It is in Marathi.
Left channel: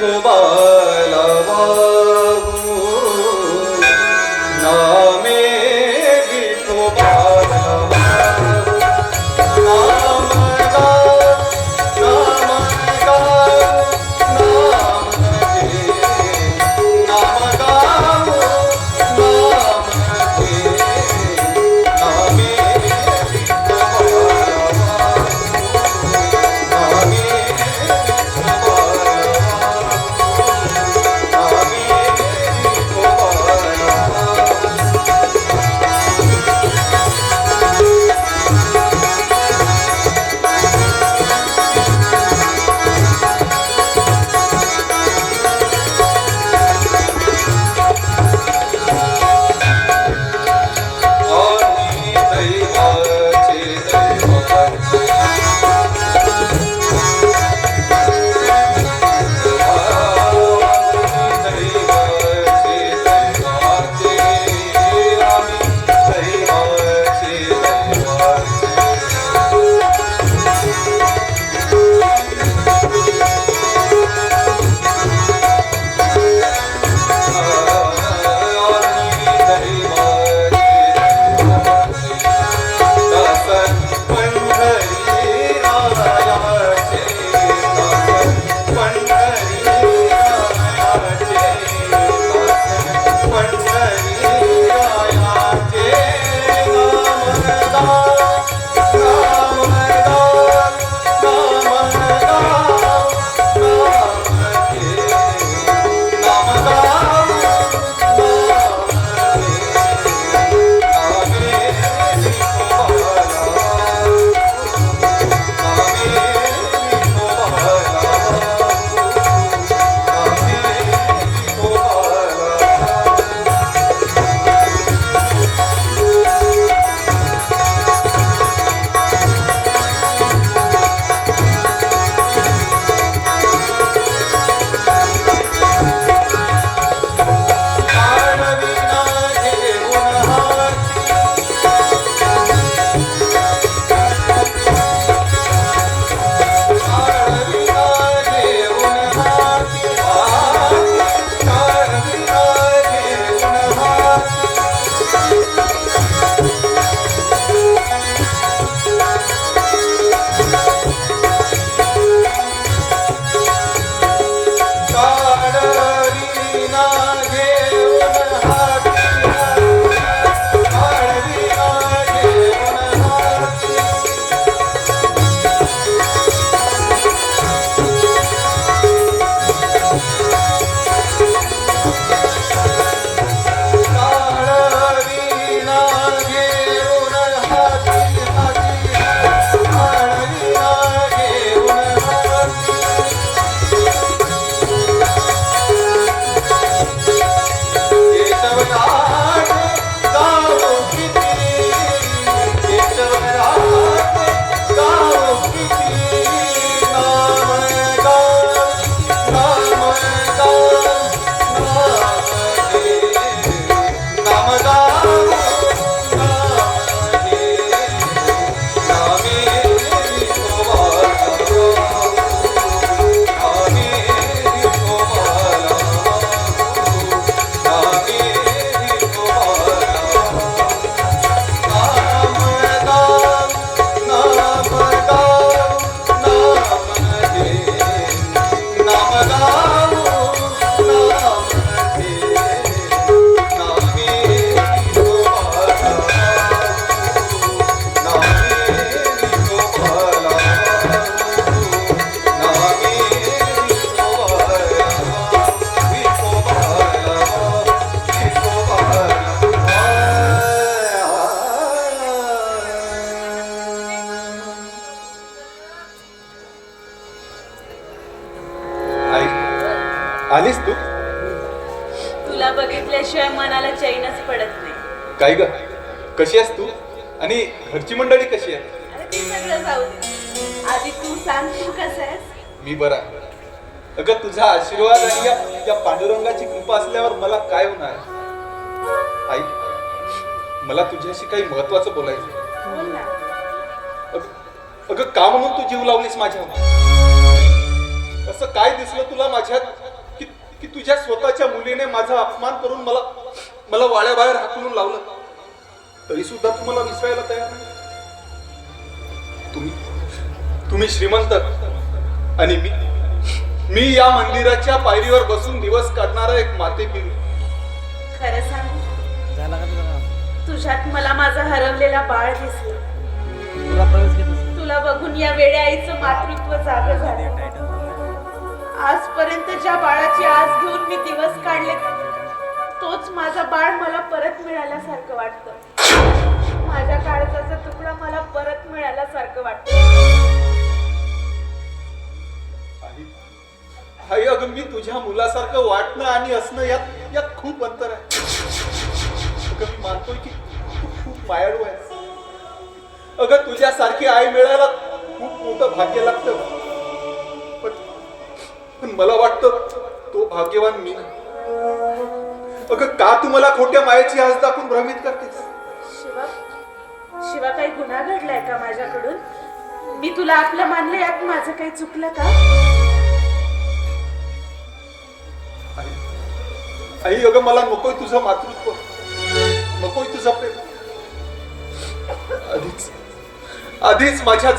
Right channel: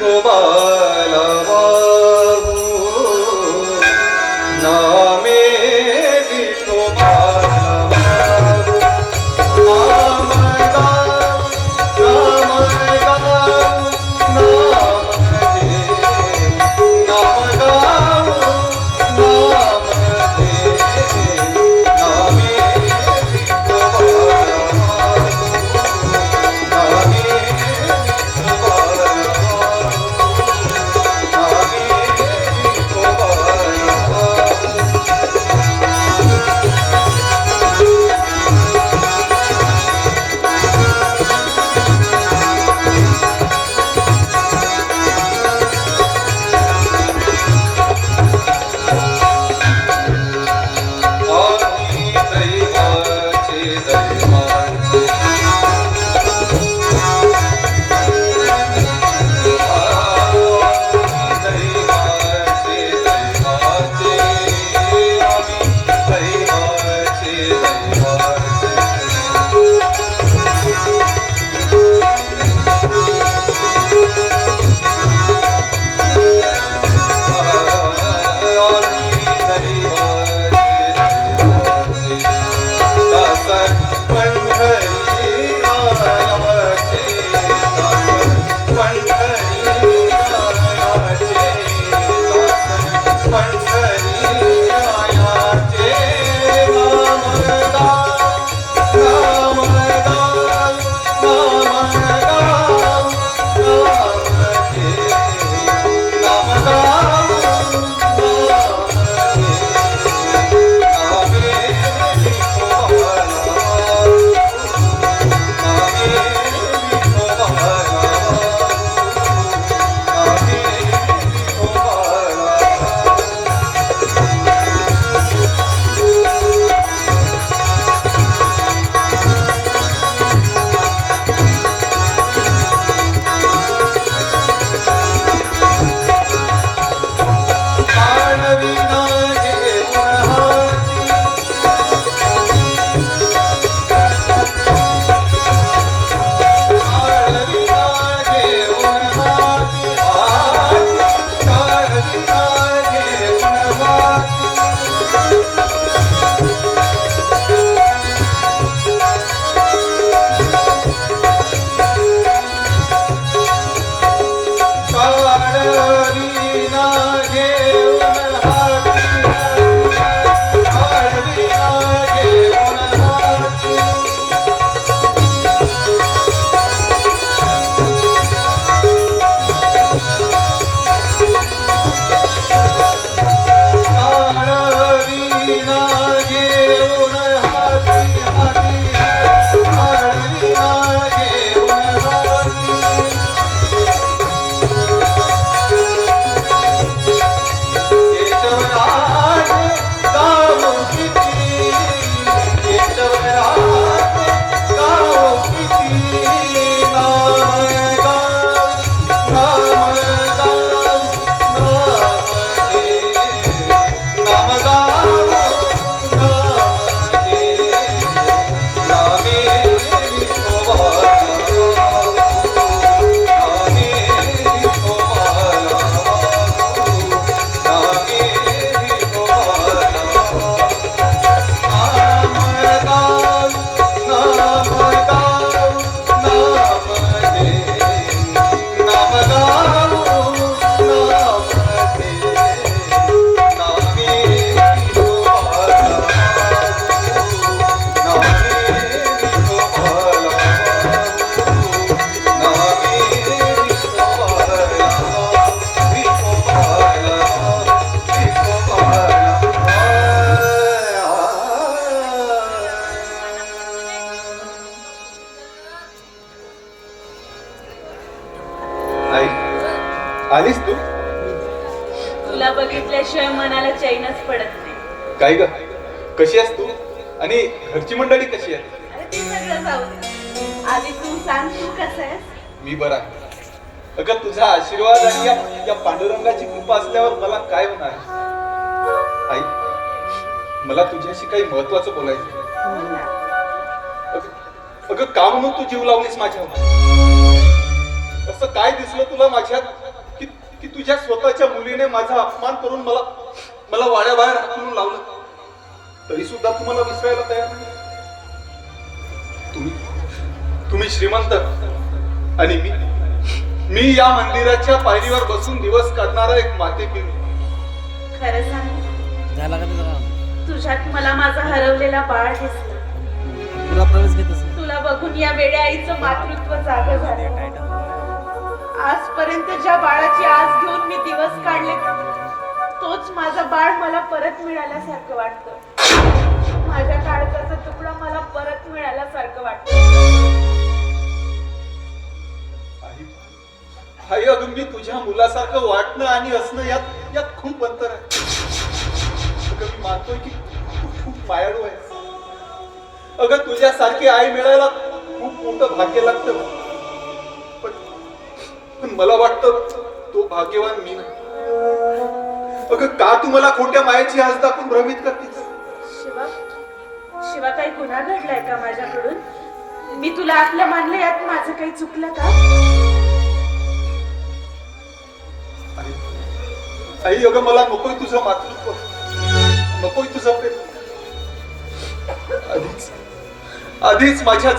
Kubala आलीस तू? तुला बघितल्याशिवाय मनाला चैनच पडत नाही. काय ग? कशी आहेस तू? आणि घरची मंडळी कशी आहे अरे ते सगळं जाऊ दे. आधी तू सांग तू कसं आहेस? मी बरा. अगं तुझा आशीर्वाद आणि या, या पांडुरंगाची कृपा असल्यावर मला काय होणार? आई मला तुझ्याशी काही महत्वाचं बोलायचं आहे. ना. अगं अगं का म्हणून तू जीव लावलीस माझ्या असं काय दिसलं तुला माझ्यात? की तुझ्या स्वतःच्या मुलीने माझा अपमान करून मला मला वाड्याबाहेर हाकलून लावलं. तरी सुद्धा तू मला विसरायला तयार नाही. तुम्ही तुम्ही श्रीमंत. आणि मी मी या मंदिराच्या पायरीवर बसून दिवस काढणारा एक माते खरं सांग? झाला का तुझा तुझ्यात मला माझा हरवलेला बाळ दिसलं. तुला बघून या वेड्या आईचं मातृत्व जागं झालं. आजपर्यंत ज्या बाळाची आस घेऊन मी दिवस काढले. तोच माझा बाळ मला परत मिळाल्यासारखं वाटतं. माझ्या काळजाचा तुकडा मला परत मिळाल्यासारखं वाटतं. आई अगं मी तुझ्या मुलासारखं वाटणं आणि असणं यात यात खूप अंतर आहे. अगं मी मानतोय की खूप मायाळू आहे अगं तुझ्यासारखी आई मिळायला खूप मोठं भाग्य लागतं. पण मला वाटतं तो भाग्यवान मी नाही. अगं का तू मला खोट्या मायेची हस दाखवून भ्रमित करतेस? शिवा शिवा काही गुन्हा घडलाय का माझ्याकडून? मी तुला आपलं मानलं यात माझं काही चुकलं का? आई अगं मला नकोय तुझं मातृत्व. नकोय तुझं प्रेम. आधीच आधीच माझ्या